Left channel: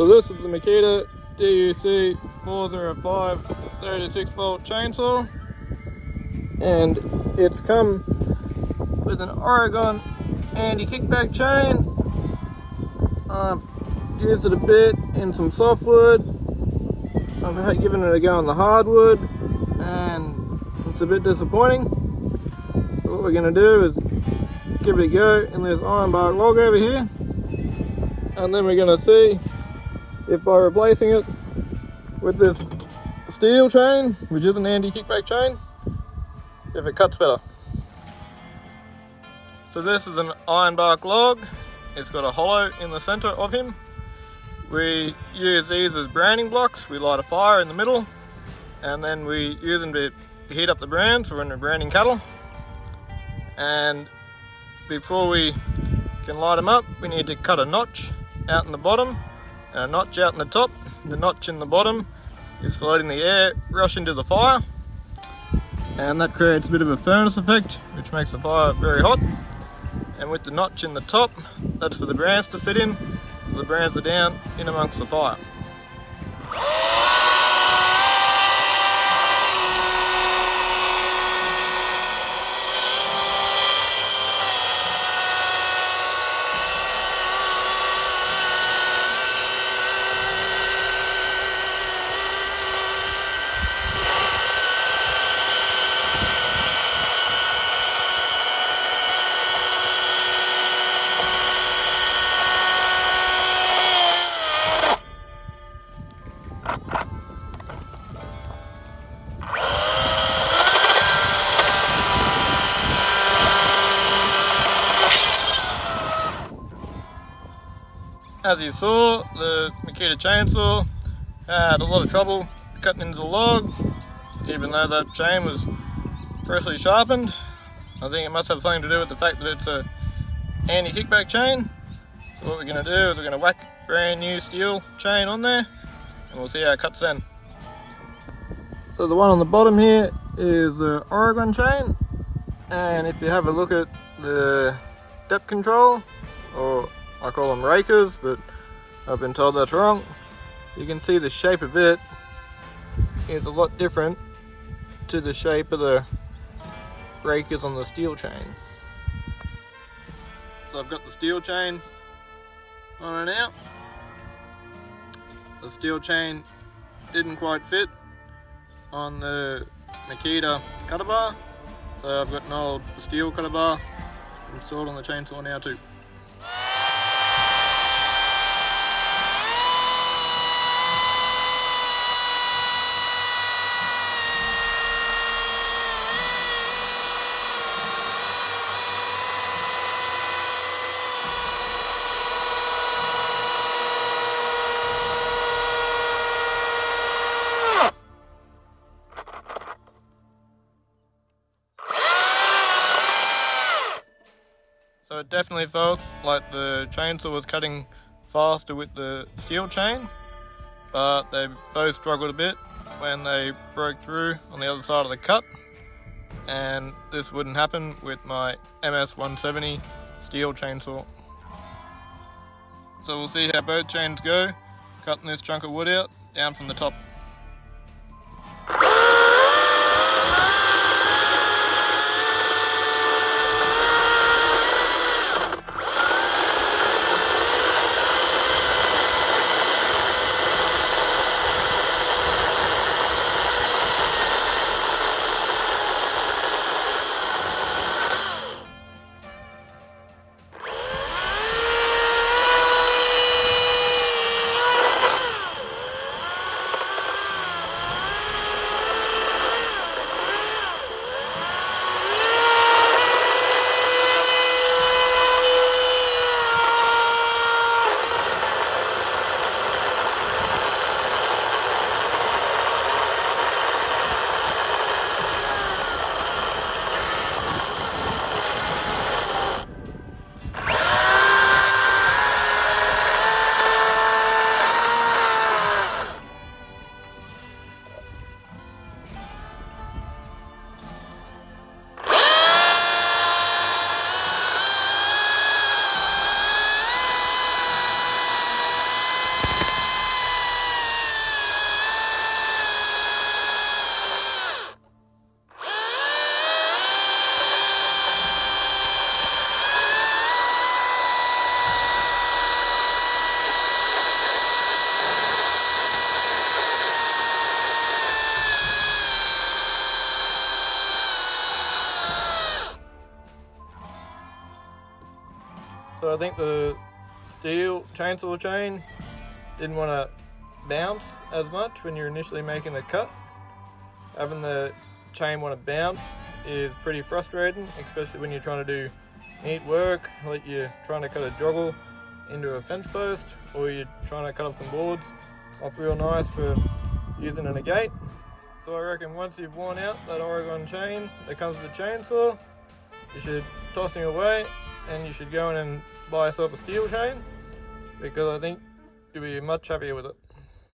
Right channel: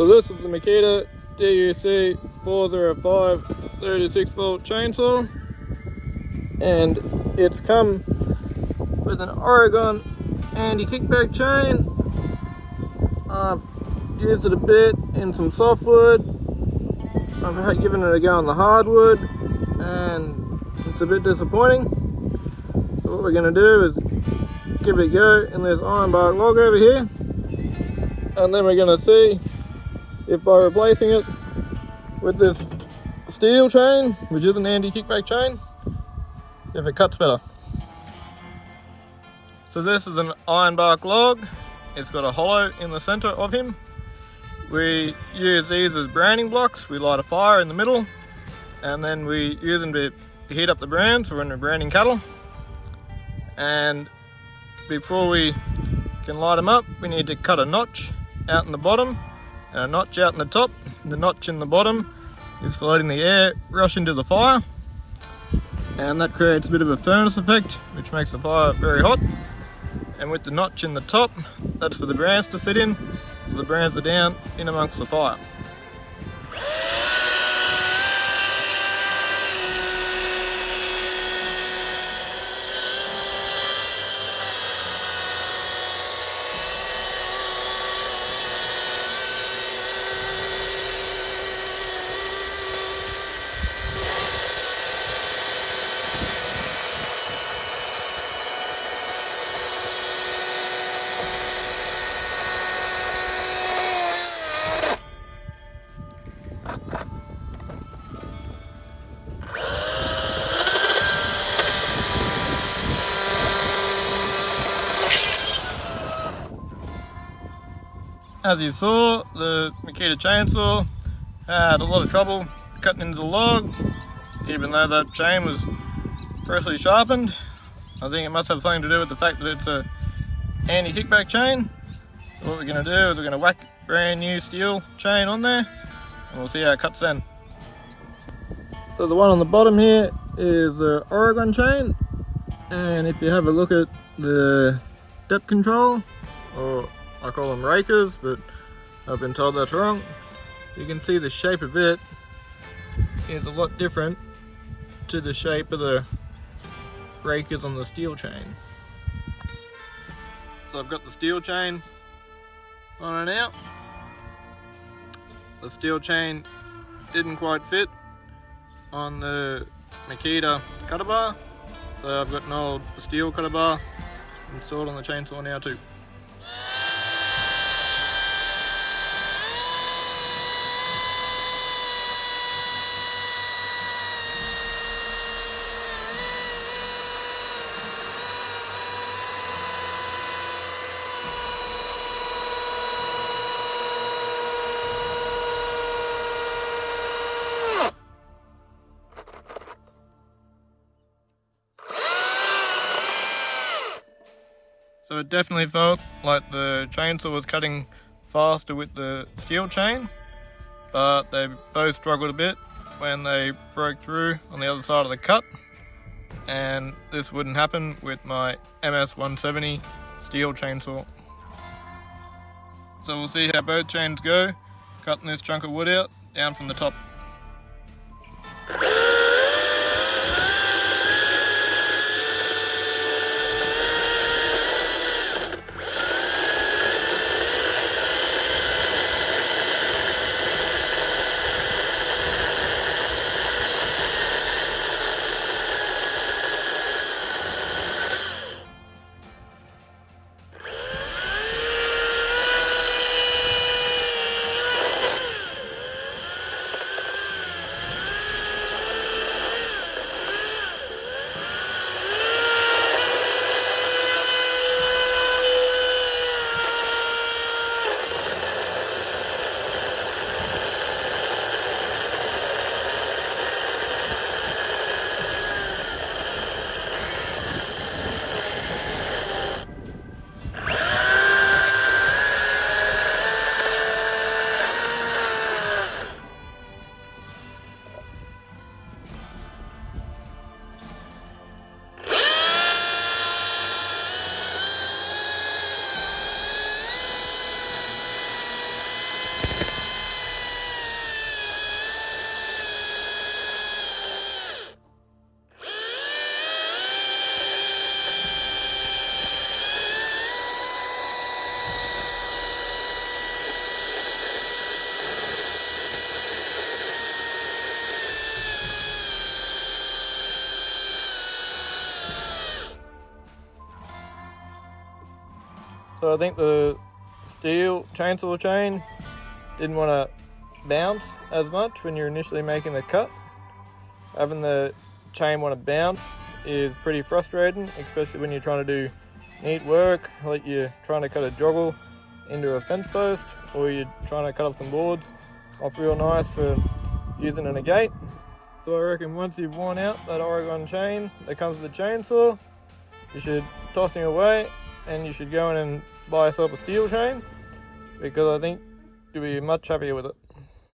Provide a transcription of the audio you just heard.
So this is the Makita DUC 405 36 volt chainsaw, and it's come with an Oregon anti-kickback chain. I've used it a bit in some softwood. I've given it a go on the hardwood, and it's a bit disappointing. So what we're going to do is give it a go in this ironbark log over here, and then we're going to see if by replacing it with this Stihl chain, which is an anti-kickback chain, if it cuts better. So this is an ironbark log. It's got a hollow in the center of him. We use these as branding blocks. We light a fire in the middle, and then we use them to heat up the brands for when we're branding cattle. And before we can light them up, we need to cut a notch out in the bottom and a notch out in the top. The notch in the bottom is for letting the air rush into the fire, and that creates a bit of a furnace effect, which makes the fire very hot. And with the notch in the top, that's for the brands to sit in, so the brands are down in amongst the fire. As you saw, the Makita chainsaw had a lot of trouble cutting into the log, even though that chain was freshly sharpened. I think it must have something to do with the fact that it's a anti-kickback chain. So what we're going to do is we're going to whack brand new Stihl chain on there, and we'll see how it cuts then. So the one on the bottom here is the Oregon chain, and if you have a look at the depth control, or I call them rakers, but I've been told that's wrong. You can see the shape of it is a lot different to the shape of the rakers on the Stihl chain. So I've got the Stihl chain on it now. The Stihl chain didn't quite fit on the Makita cutter bar, so I've got an old Stihl cutter bar installed on the chainsaw now too. So it definitely felt like the chainsaw was cutting faster with the Stihl chain, but they both struggled a bit when they broke through on the other side of the cut, and this wouldn't happen with my MS-170 Stihl chainsaw. So we'll see how both chains go, cutting this chunk of wood out down from the top. So I think the Stihl chainsaw chain didn't want to bounce as much when you're initially making the cut. Having the chain want to bounce is pretty frustrating, especially when you're trying to do neat work, like you're trying to cut a joggle into a fence post, or you're trying to cut up some boards off real nice for using in a gate. So I reckon once you've worn out that Oregon chain that comes with the chainsaw, you should toss him away and you should go in and buy yourself a Stihl chain, because I think you'll be much happier with it.